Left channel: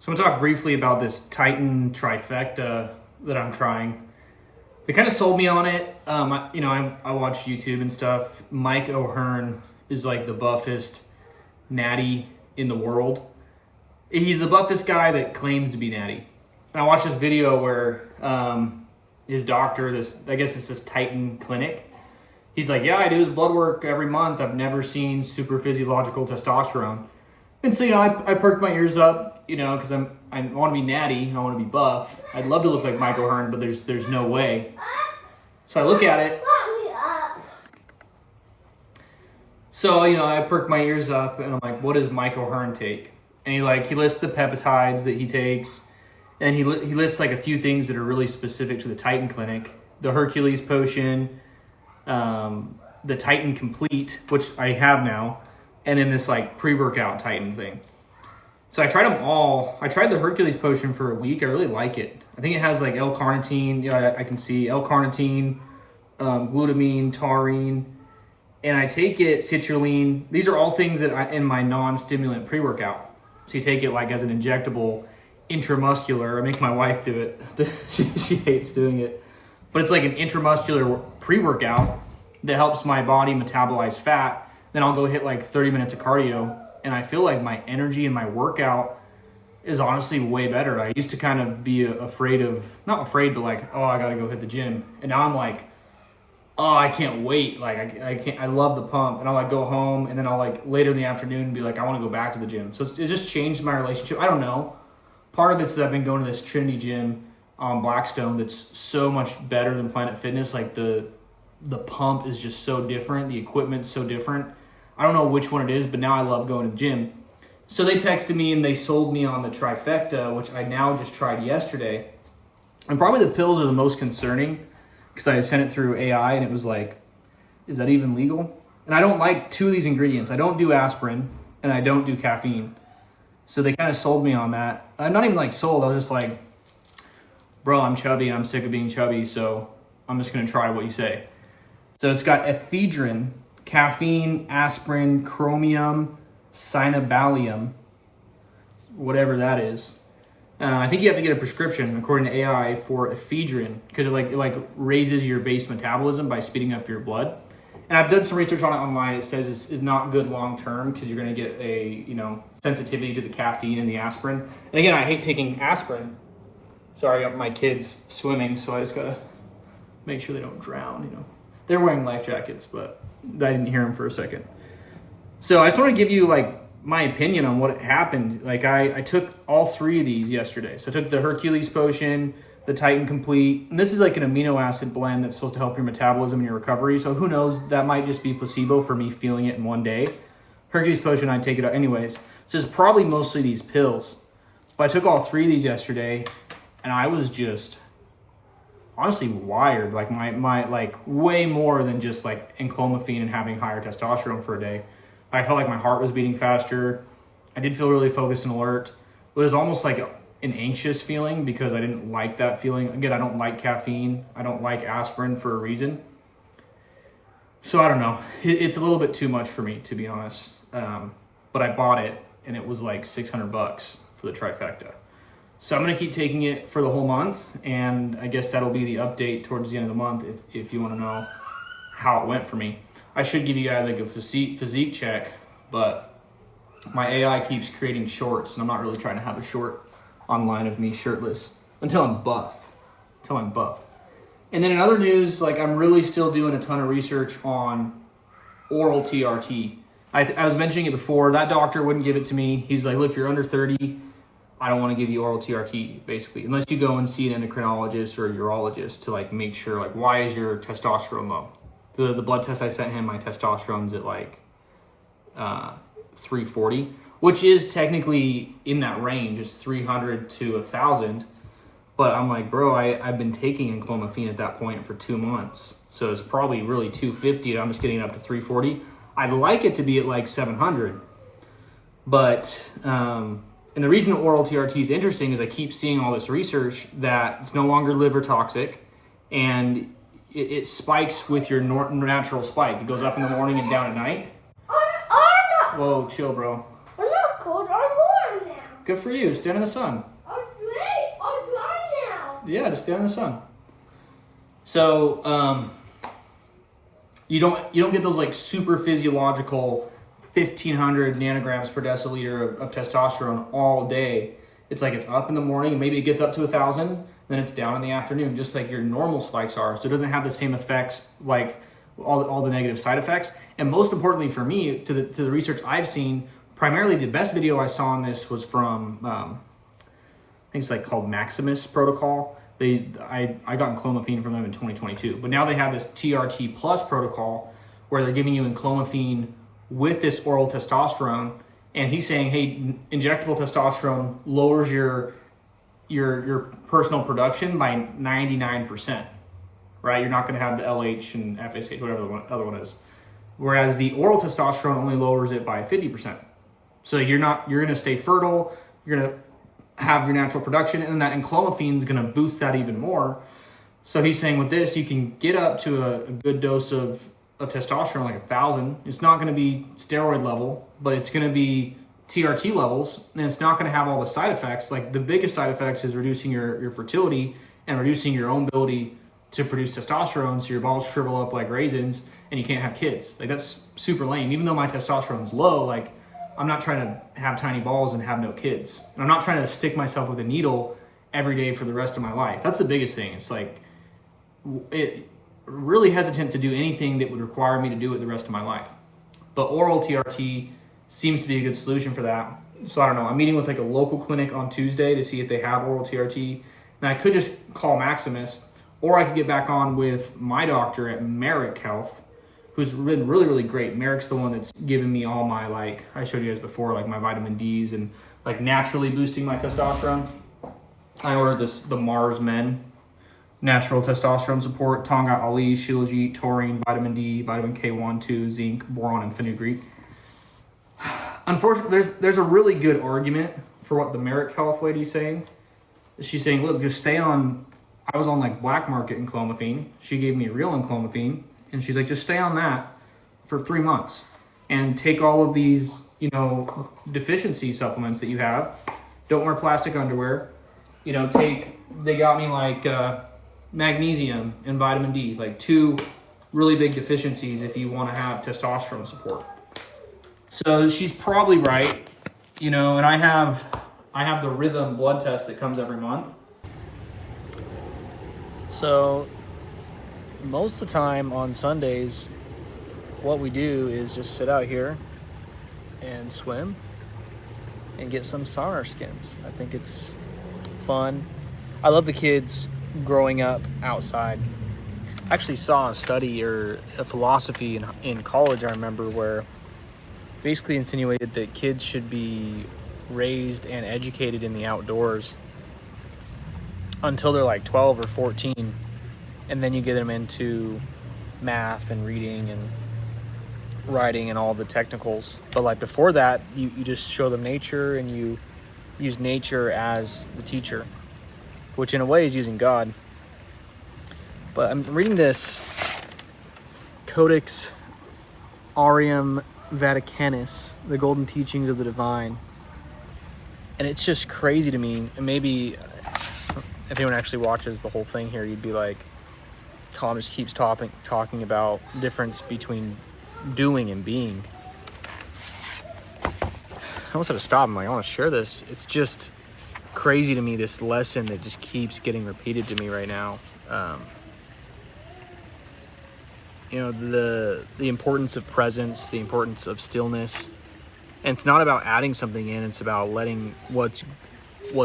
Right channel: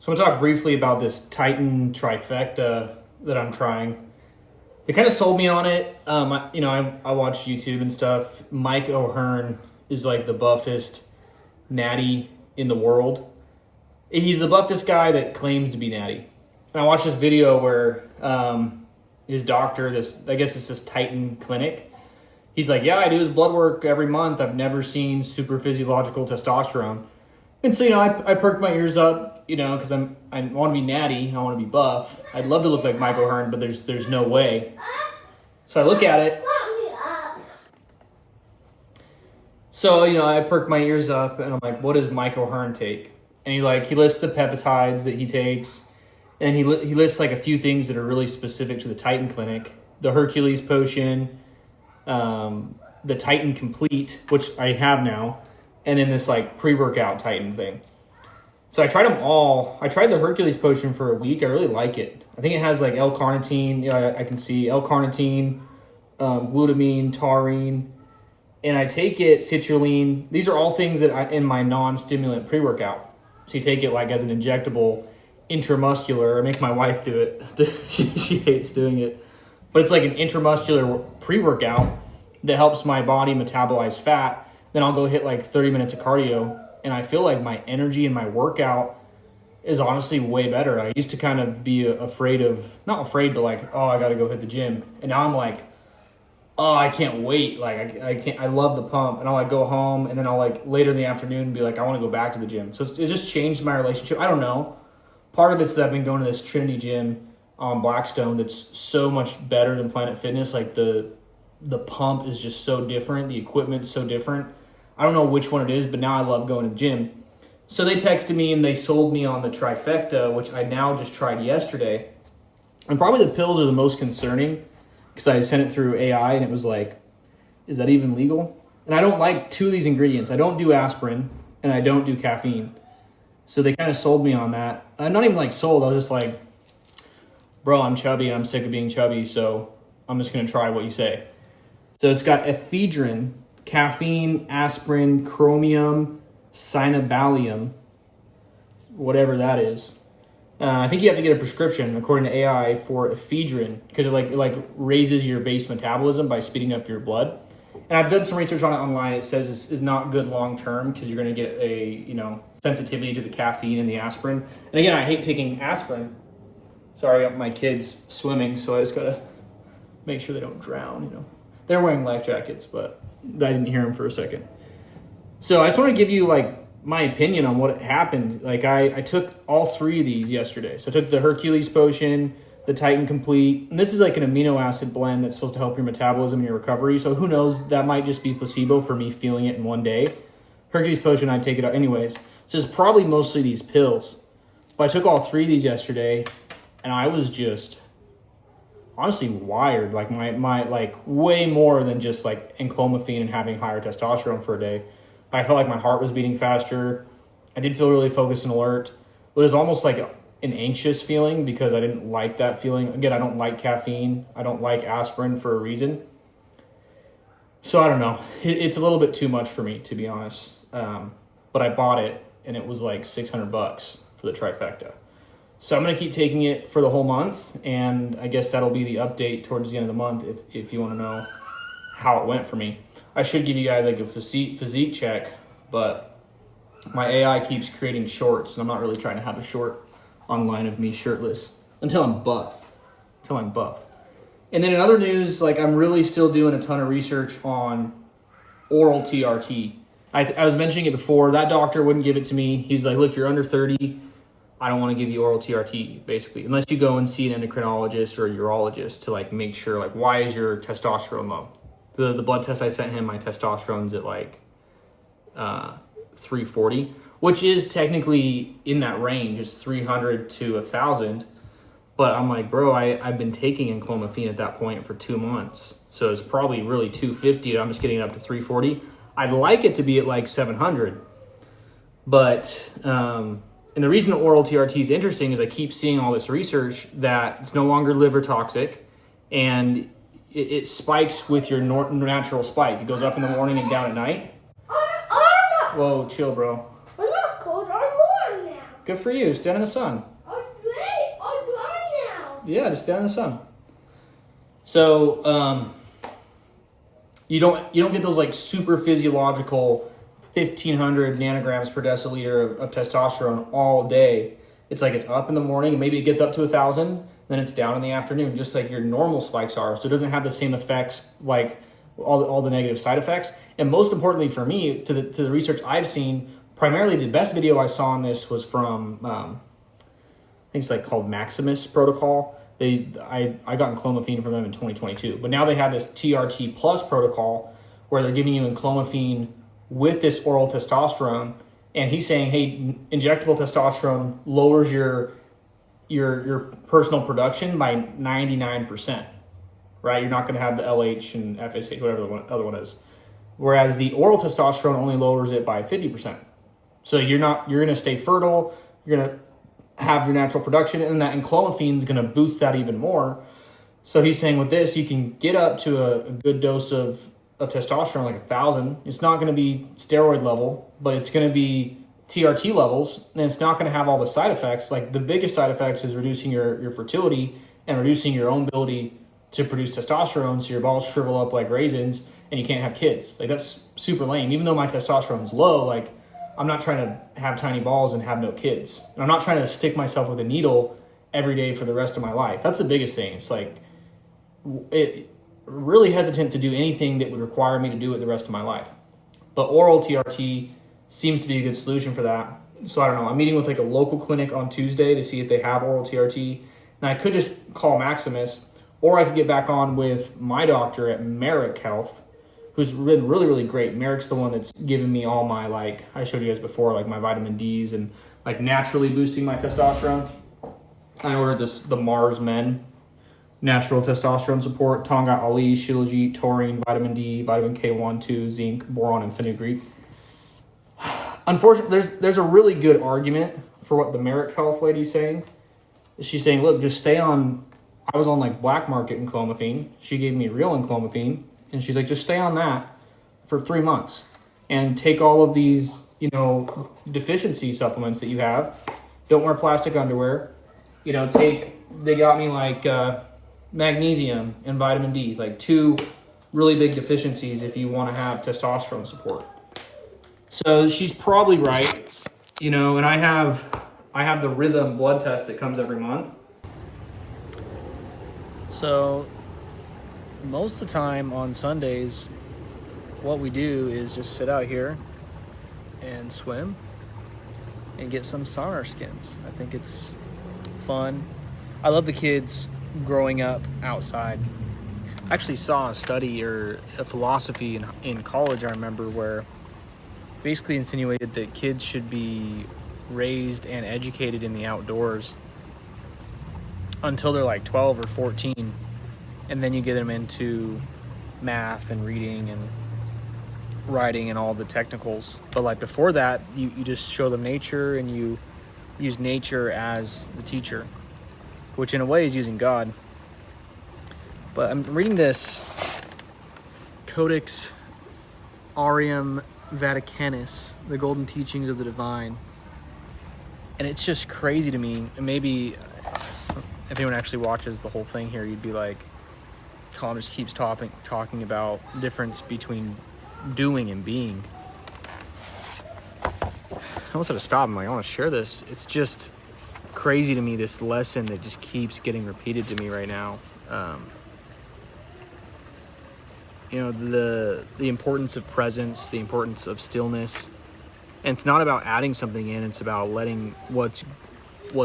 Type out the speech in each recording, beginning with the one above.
So I'm gonna talk briefly about this Titan Trifecta that I'm trying. They kind of sold me on it. I watch YouTube and stuff. Mike O'Hearn is like the buffest natty in the world. He's the buffest guy that claims to be natty. And I watched this video where his doctor, I guess it's this Titan clinic. He's like, yeah, I do his blood work every month. I've never seen super physiological testosterone. And so, I perked my ears up, because I want to be natty. I want to be buff. I'd love to look like Mike O'Hearn, but there's no way. So I look at it. So, I perked my ears up and I'm like, what does Mike O'Hearn take? And he lists the peptides that he takes. And he lists like a few things that are really specific to the Titan clinic. The Hercules potion, the Titan Complete, which I have now. And then this like pre-workout Titan thing. So I tried them all. I tried the Hercules potion for a week. I really like it. I think it has like L-carnitine. I can see L-carnitine, glutamine, taurine. And I take it, citrulline. These are all things that in my non-stimulant pre-workout. So you take it like as an injectable intramuscular. I make my wife do it. She hates doing it. But it's like an intramuscular pre-workout that helps my body metabolize fat. Then I'll go hit like 30 minutes of cardio, and I feel like my energy and my workout is honestly way better. I used to kind of be afraid of, not afraid, but like, oh, I got to go hit the gym. And now I'm like, oh, I can't wait. Like I love the pump. And I'll like go home, and then I'll like later in the afternoon be like, I want to go back to the gym. So it just changed my relationship. I don't know. Part of it's that I've been going to this Trinity gym on Blackstone that's so much better than Planet Fitness. Like the pump is just so different. The equipment's so different. I don't know which one it is, but now I love going to the gym. So they texted me and they sold me on the Trifecta, which I now just tried yesterday. And probably the pills are the most concerning because I sent it through AI and it was like, is that even legal? And I don't like two of these ingredients. I don't do aspirin and I don't do caffeine. So they kind of sold me on that. I'm not even like sold. I was just like, bro, I'm chubby and I'm sick of being chubby. So I'm just going to try what you say. So it's got ephedrine, caffeine, aspirin, chromium, cyanobalium, whatever that is. I think you have to get a prescription, according to AI, for ephedrine because it like raises your base metabolism by speeding up your blood. And I've done some research on it online. It says it's not good long term because you're going to get a sensitivity to the caffeine and the aspirin. And again, I hate taking aspirin. Sorry, my kids swimming, so I just gotta make sure they don't drown. They're wearing life jackets, but I didn't hear them for a second. So I just want to give you like my opinion on what happened. Like I took all three of these yesterday. So I took the Hercules potion, the Titan Complete, and this is like an amino acid blend that's supposed to help your metabolism and your recovery. So who knows, that might just be placebo for me feeling it in one day. Hercules potion, I take it out anyways. So it's probably mostly these pills. But I took all three of these yesterday and I was just honestly wired, like my like way more than just like enclomiphene and having higher testosterone for a day. I felt like my heart was beating faster. I did feel really focused and alert. It was almost like an anxious feeling because I didn't like that feeling. Again, I don't like caffeine. I don't like aspirin for a reason. So I don't know. It's a little bit too much for me, to be honest. But I bought it and it was like $600 for the Trifecta. So I'm going to keep taking it for the whole month, and I guess that'll be the update towards the end of the month if you want to know how it went for me. I should give you guys like a physique check, but my AI keeps creating shorts, and I'm not really trying to have a short online of me shirtless until I'm buff. And then in other news, like I'm really still doing a ton of research on oral TRT. I was mentioning it before. That doctor wouldn't give it to me. He's like, look, you're under 30. I don't want to give you oral TRT, basically, unless you go and see an endocrinologist or a urologist to like make sure, like, why is your testosterone low? The blood test I sent him, my testosterone's at like 340, which is technically in that range. It's 300 to 1,000. But I'm like, bro, I've been taking enclomiphene at that point for 2 months. So it's probably really 250. I'm just getting it up to 340. I'd like it to be at like 700. But, and the reason the oral TRT is interesting is I keep seeing all this research that it's no longer liver toxic and it spikes with your natural spike. It goes up in the morning and down at night. Whoa, chill, bro. I'm not cold. I'm warm now. Good for you. Stand in the sun. I'm dry now. Yeah, just stand in the sun. So you don't get those like super physiological 1,500 nanograms per deciliter of testosterone all day. It's like it's up in the morning, and maybe it gets up to 1,000, then it's down in the afternoon, just like your normal spikes are. So it doesn't have the same effects, like all the negative side effects. And most importantly for me, to the research I've seen, primarily the best video I saw on this was from I think it's like called Maximus Protocol. I got clomiphene from them in 2022, but now they have this TRT plus protocol where they're giving you clomiphene with this oral testosterone. And he's saying, hey, injectable testosterone lowers your personal production by 99%, right? You're not going to have the LH and FSH, whatever the other one is. Whereas the oral testosterone only lowers it by 50%. So you're going to stay fertile. You're going to have your natural production, and clomiphene is going to boost that even more. So he's saying with this, you can get up to a good dose of testosterone, like 1,000. It's not going to be steroid level, but it's going to be TRT levels, and it's not going to have all the side effects. Like the biggest side effects is reducing your fertility and reducing your own ability to produce testosterone, so your balls shrivel up like raisins and you can't have kids. Like that's super lame. Even though my testosterone is low, like I'm not trying to have tiny balls and have no kids. And I'm not trying to stick myself with a needle every day for the rest of my life. That's the biggest thing. It's like really hesitant to do anything that would require me to do it the rest of my life. But oral TRT seems to be a good solution for that. So I don't know. I'm meeting with like a local clinic on Tuesday to see if they have oral TRT. And I could just call Maximus, or I could get back on with my doctor at Merrick Health, who's been really, really great. Merrick's the one that's given me all my, like I showed you guys before, like my vitamin Ds and like naturally boosting my testosterone. I ordered the Mars Men natural testosterone support, Tonga Ali, Shilajit, taurine, vitamin D, vitamin K1, 2, zinc, boron, and fenugreek. Unfortunately, there's a really good argument for what the Merrick Health lady's saying. She's saying, look, just stay on, I was on like black market clomiphene. She gave me real clomiphene, and she's like, just stay on that for 3 months and take all of these, deficiency supplements that you have. Don't wear plastic underwear. They got me like magnesium and vitamin D, like 2 really big deficiencies if you want to have testosterone support. So she's probably right, and I have the Rhythm blood test that comes every month. So most of the time on Sundays, what we do is just sit out here and swim and get some sun on our skins. I think it's fun. I love the kids growing up outside. I actually saw a study or a philosophy in college, I remember, where basically insinuated that kids should be raised and educated in the outdoors until they're like 12 or 14, and then you get them into math and reading and writing and all the technicals. But like before that, you just show them nature, and you use nature as the teacher, which in a way is using God. But I'm reading this Codex Aureum Vaticanus, the Golden Teachings of the Divine. And it's just crazy to me. And maybe if anyone actually watches the whole thing here, you'd be like, Tom just keeps talking about the difference between doing and being. I almost had to stop. I'm like, I want to share this. It's just crazy to me, this lesson that just keeps getting repeated to me right now. The importance of presence, the importance of stillness. And it's not about adding something in, it's about letting what's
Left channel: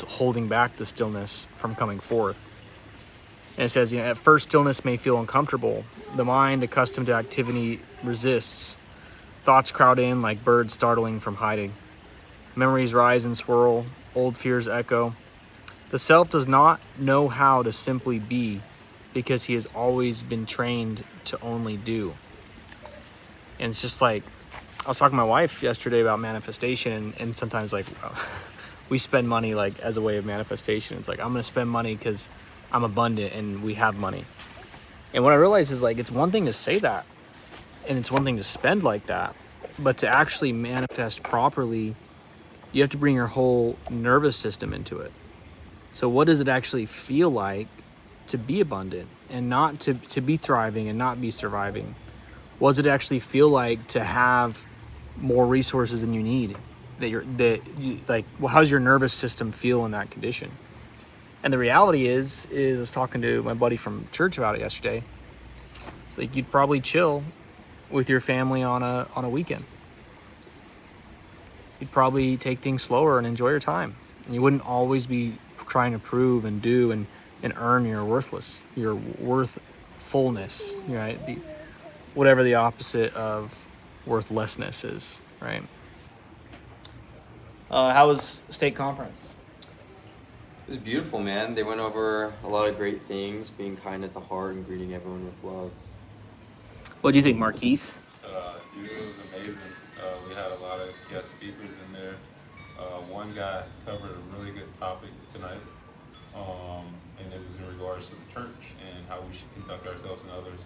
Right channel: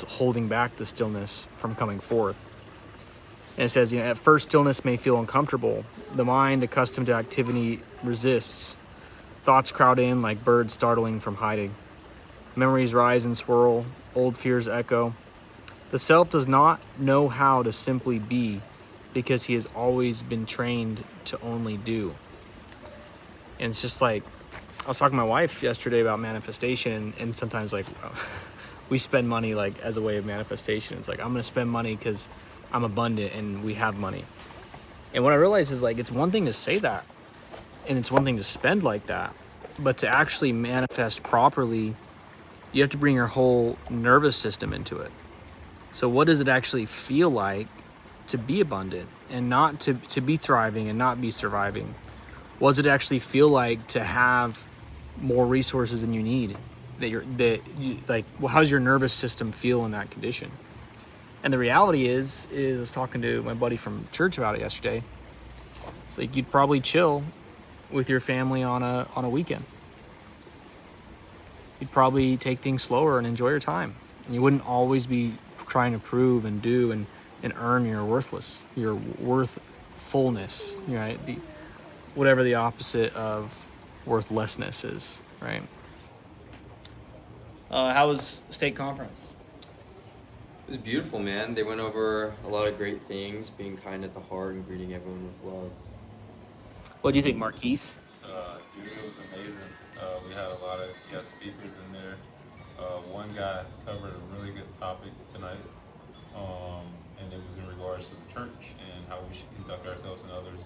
holding back the stillness from coming forth. And it says, at first stillness may feel uncomfortable. The mind, accustomed to activity, resists. Thoughts crowd in like birds startling from hiding. Memories rise and swirl, old fears echo. The self does not know how to simply be, because he has always been trained to only do. And it's just like, I was talking to my wife yesterday about manifestation, and sometimes like we spend money like as a way of manifestation. It's like, I'm gonna spend money because I'm abundant and we have money. And what I realized is like, it's one thing to say that, and it's one thing to spend like that, but to actually manifest properly, you have to bring your whole nervous system into it. So what does it actually feel like to be abundant and not to be thriving and not be surviving? What does it actually feel like to have more resources than you need? How does your nervous system feel in that condition? And the reality is I was talking to my buddy from church about it yesterday. It's like you'd probably chill with your family on a weekend. You'd probably take things slower and enjoy your time. And you wouldn't always be trying to prove and do and earn your worthfulness, right? Whatever the opposite of worthlessness is, right? How was state conference? It was beautiful, man. They went over a lot of great things, being kind at the heart and greeting everyone with love. What do you think, Marquise? Dude, it was amazing. We had a lot of guest speakers in there. One guy covered a really good topic tonight, and it was in regards to the church and how we should conduct ourselves and others.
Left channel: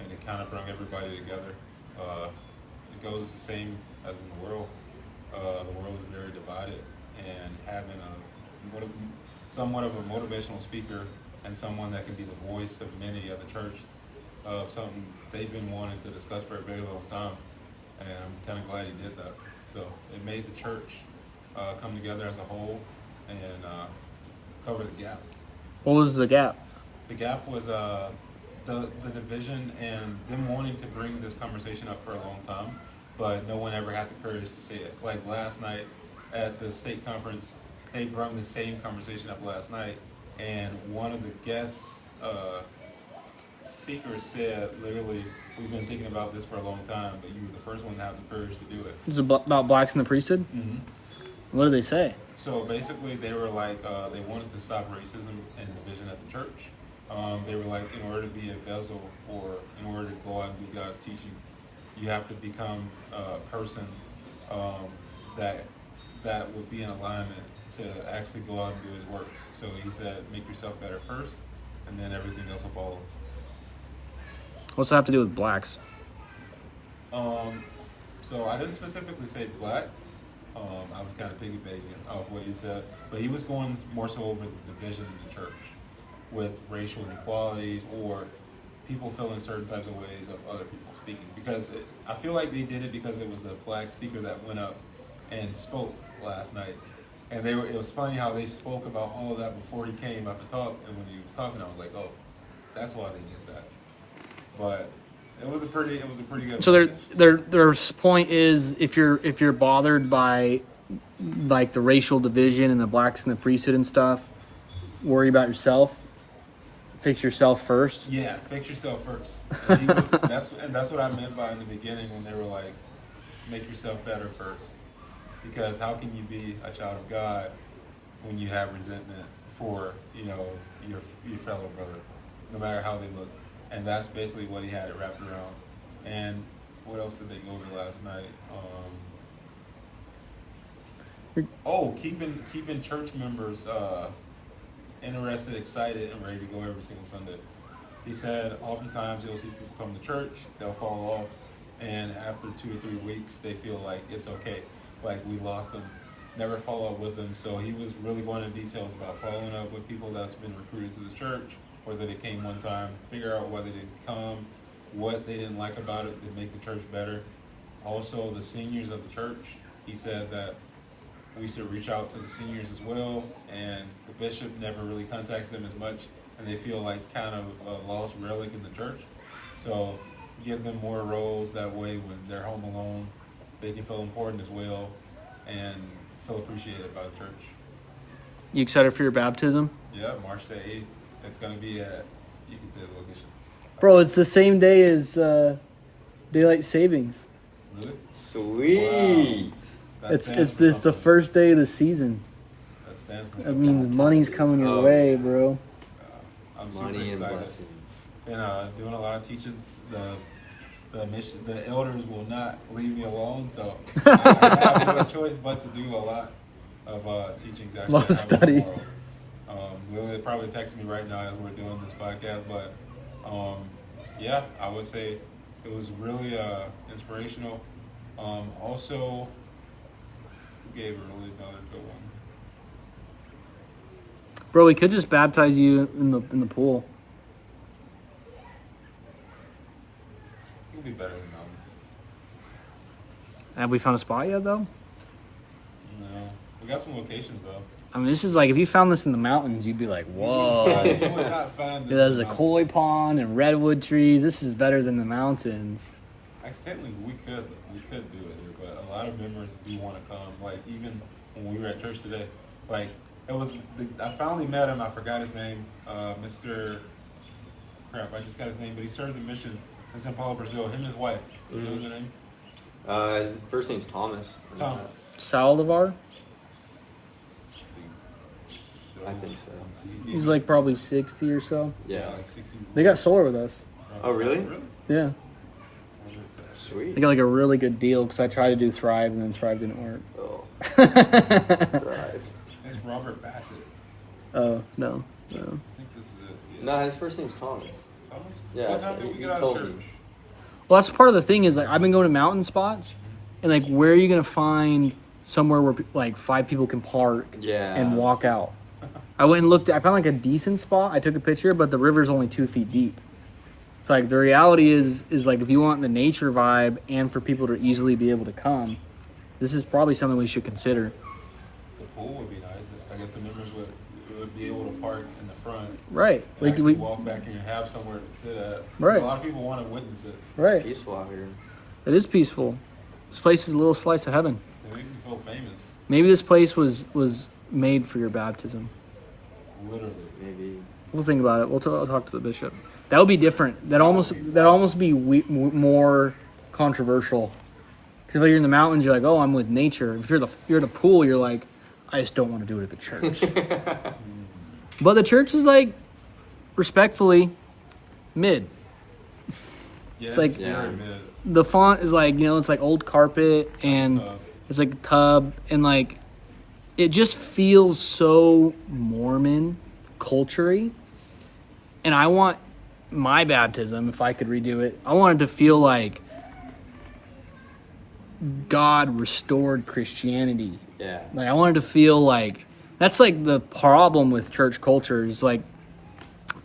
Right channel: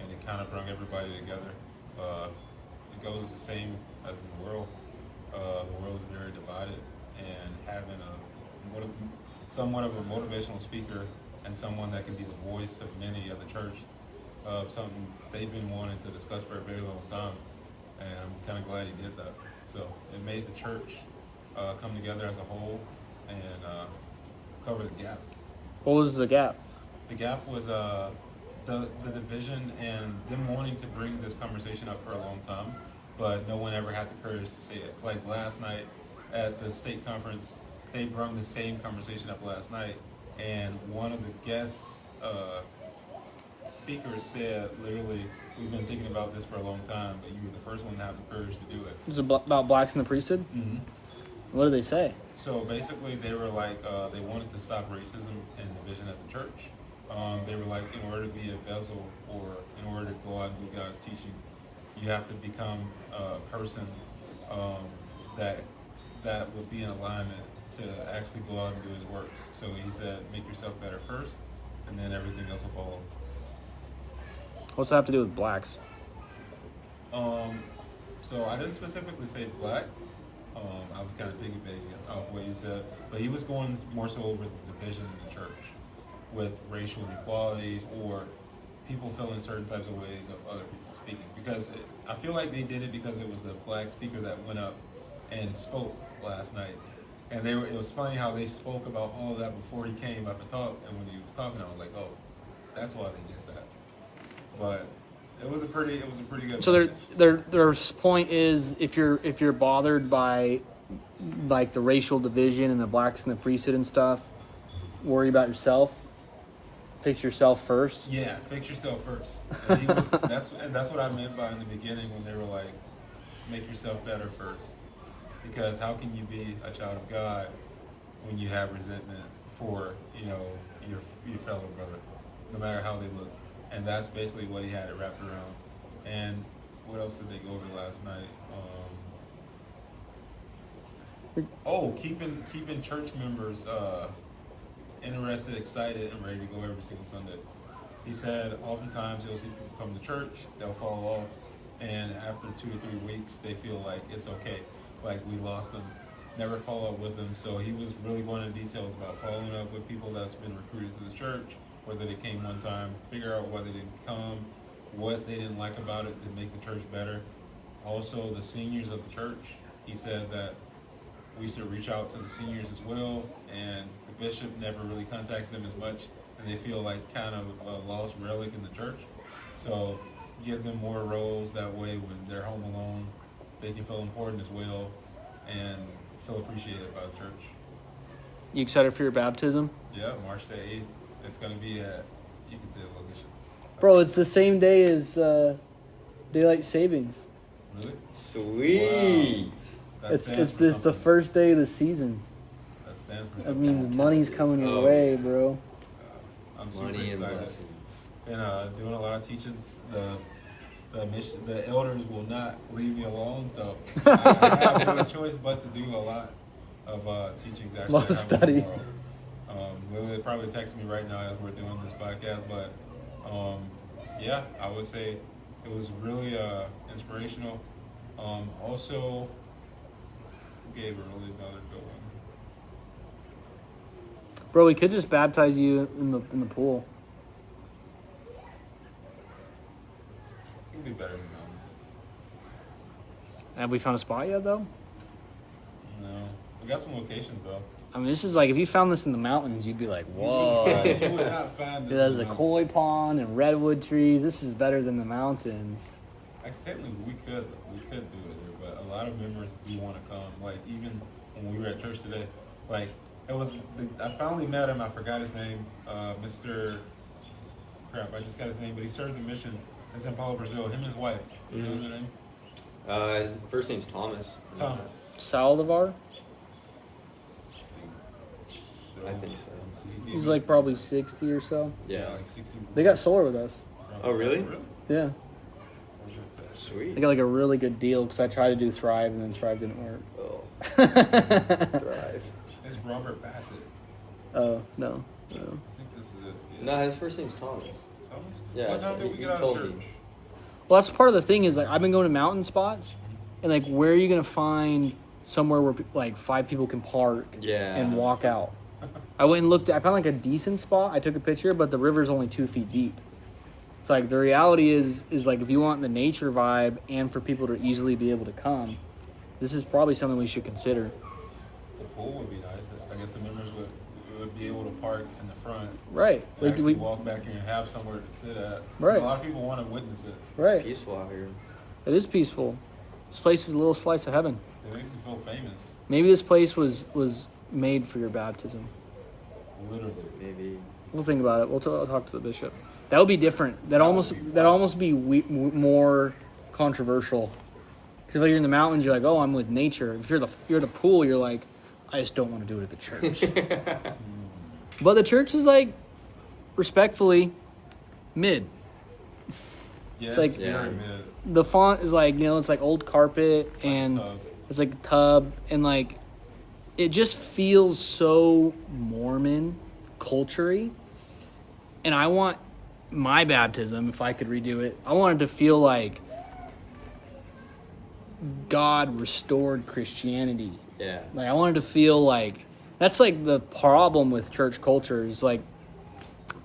And it kind of brought everybody together. It goes the same as in the world. The world is very divided, and having somewhat of a motivational speaker and someone that can be the voice of many of the church, something they've been wanting to discuss for a very long time, and I'm kind of glad he did that. So it made the church come together as a whole and cover the gap. What was the gap? The gap was the division and them wanting to bring this conversation up for a long time, but no one ever had the courage to say it. Like last night at the state conference, they brought the same conversation up last night, and one of the guest speakers said, literally, we've been thinking about this for a long time, but you were the first one to have the courage to do it. It was about blacks in the priesthood? Mm-hmm. What did they say? So basically, they were like, they wanted to stop racism and division at the church. They were like, in order to be a vessel or in order to go out and do God's teaching, you have to become a person that would be in alignment to actually go out and do his works. So he said, make yourself better first, and then everything else will follow. What's that have to do with blacks? So I didn't specifically say black. I was kind of piggybacking off what you said, but he was going more so over the division in the church with racial inequalities or people feeling certain types of ways of other people speaking. Because I feel like they did it because it was a black speaker that went up and spoke last night. And it was funny how they spoke about all of that before he came up and talked. And when he was talking, I was like, oh, that's why they did that. But it was a pretty good. So their point is if you're bothered by like the racial division and the blacks and the priesthood and stuff, worry about yourself. Fix yourself first. Yeah, fix yourself first. And that's what I meant by in the beginning when they were like, make yourself better first. Because how can you be a child of God when you have resentment for your fellow brother, no matter how they look? And that's basically what he had it wrapped around. And what else did they go over last night? Keeping church members interested, excited, and ready to go every single Sunday. He said oftentimes he'll see people come to church, they'll fall off, and after 2 or 3 weeks, they feel like it's okay, like we lost them, never follow up with them. So he was really going into details about following up with people that's been recruited to the church, whether they came one time, figure out why they didn't come, what they didn't like about it to make the church better. Also, the seniors of the church, he said that we should reach out to the seniors as well, and the bishop never really contacts them as much, and they feel like kind of a lost relic in the church. So give them more roles, that way when they're home alone, they can feel important as well and feel appreciated by the church. You excited for your baptism? Yeah, March the 8th. It's going to be at, you can say the location. Bro, it's the same day as daylight savings. Really? Sweet. Wow. It's the first day of the season. That stands for That something. means money's coming your way, bro. I'm super Money and excited. blessings. And doing a lot of teachings. The elders will not leave me alone, so I have no choice but to do a lot of teachings. Actually, Lot of study. tomorrow. Will probably text me right now as we're doing this podcast, but yeah, I would say it was really inspirational. Also, gave her only another good one. Bro, we could just baptize you in the pool. It'll be better than mountains. Have we found a spot yet, though? No. We got some locations, though. I mean, this is like, if you found this in the mountains, you'd be like, whoa. You would not find this. There's in a the mountains. koi pond and redwood trees. This is better than the mountains. Technically, we could do it here, but a lot of members do want to come. Like, even when we were at church today, like, I finally met him. I forgot his name. Mr. Crap, I just got his name, but he served the mission in São Paulo, Brazil. Him and his wife. You know their name? His first name's Thomas. Thomas. Saldivar? I think so. He's like probably 60 or so. Yeah, like 60. They got solar with us. Oh, really? Yeah. Sweet. They got like a really good deal because I tried to do Thrive and then Thrive didn't work. Oh, Thrive. That's Robert Bassett. Oh, no. I think this is it. Yeah. No, his first name's Thomas. Thomas? Yeah, What time so did we he get out of told church? me. Well, that's part of the thing is like I've been going to mountain spots and like where are you going to find somewhere where like 5 people can park Yeah. and walk out? I went and looked. I found like a decent spot. I took a picture, but the river's only 2 feet deep. So like the reality is like if you want the nature vibe and for people to easily be able to come, this is probably something we should consider. The pool would be nice. I guess the members would be able to park in the front Right. and actually walk back here and have somewhere to sit at. Right. A lot of people want to witness it. Right. Peaceful out here. It is peaceful. This place is a little slice of heaven. It makes you feel famous. Maybe this place was made for your baptism. Literally. Maybe. We'll think about it. I'll talk to the bishop. That would be different. That would almost be wild. be more controversial. Because if you're in the mountains, you're like, oh, I'm with nature. If you're at a pool, you're like, I just don't want to do it at the church. But the church is like, respectfully, mid. Yeah, It's like- very mid. The font is like, it's like old carpet and tub. it's like a tub and like it just feels so Mormon culture-y. And I want my baptism, if I could redo it, I want it to feel like God restored Christianity. Yeah. Like I wanted to feel like that's like the problem with church culture is like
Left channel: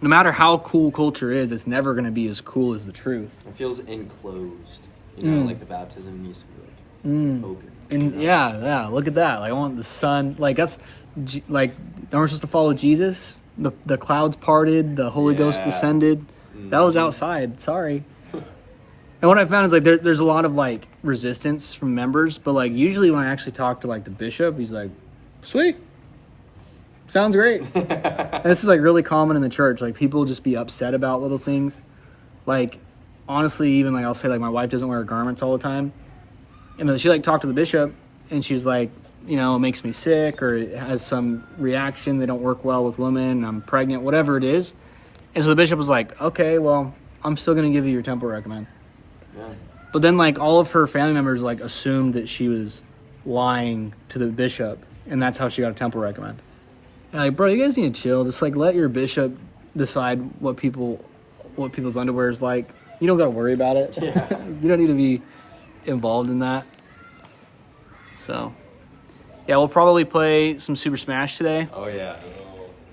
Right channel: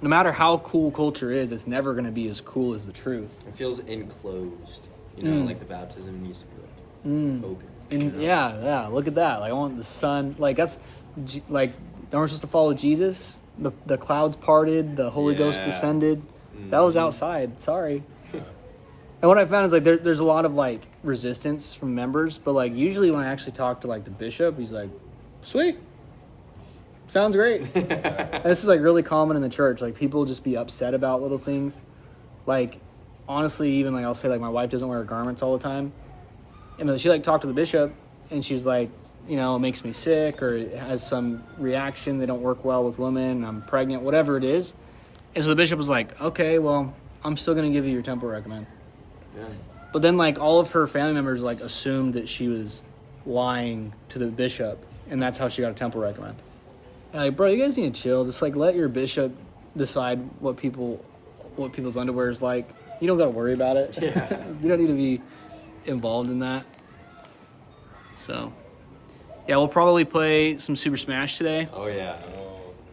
no matter how cool culture is, it's never going to be as cool as the truth. It feels enclosed. You know, like the baptism used to be like open. And you know? yeah, look at that. Like I want the sun. Like that's like we're supposed to follow Jesus. The clouds parted. The Holy Ghost Yeah. descended. That was outside. Sorry. And what I found is like there's a lot of like resistance from members, but like usually when I actually talk to like the bishop, he's like, "Sweet, sounds great." And this is like really common in the church. Like people just be upset about little things. Like honestly, even like I'll say like my wife doesn't wear garments all the time, and then she like talked to the bishop, and she's like, it makes me sick or it has some reaction. They don't work well with women. I'm pregnant, whatever it is. And so the bishop was like, okay, well, I'm still gonna give you your temple recommend. Yeah. But then, like, all of her family members, like, assumed that she was lying to the bishop, and that's how she got a temple recommend. And, like, bro, you guys need to chill. Just, like, let your bishop decide what people's underwear is like. You don't got to worry about it. Yeah. You don't need to be involved in that. So, yeah, we'll probably play some Super Smash today Oh yeah.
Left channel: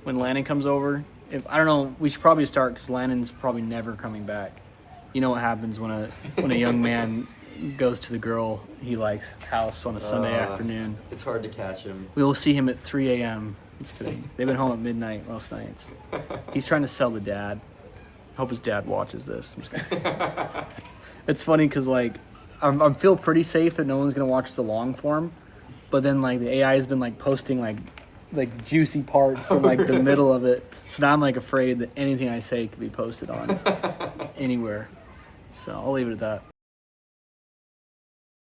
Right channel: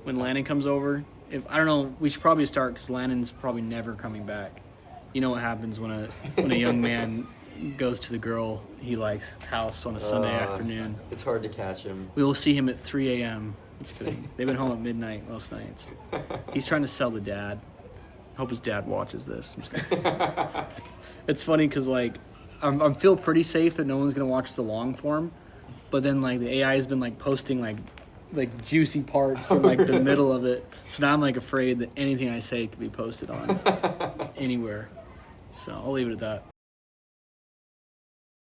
when Landon comes over. I don't know, we should probably start because Landon's probably never coming back. You know what happens when a young man goes to the girl he likes house on a Sunday afternoon. It's hard to catch him. We will see him at 3 a.m. Just kidding. They've been home at midnight most nights. He's trying to sell the dad. I hope his dad watches this. I'm just kidding. It's funny because like I feel pretty safe that no one's gonna watch the long form, but then like the AI has been like posting like juicy parts from like the middle of it. So now I'm like afraid that anything I say could be posted on anywhere. So I'll leave it at that.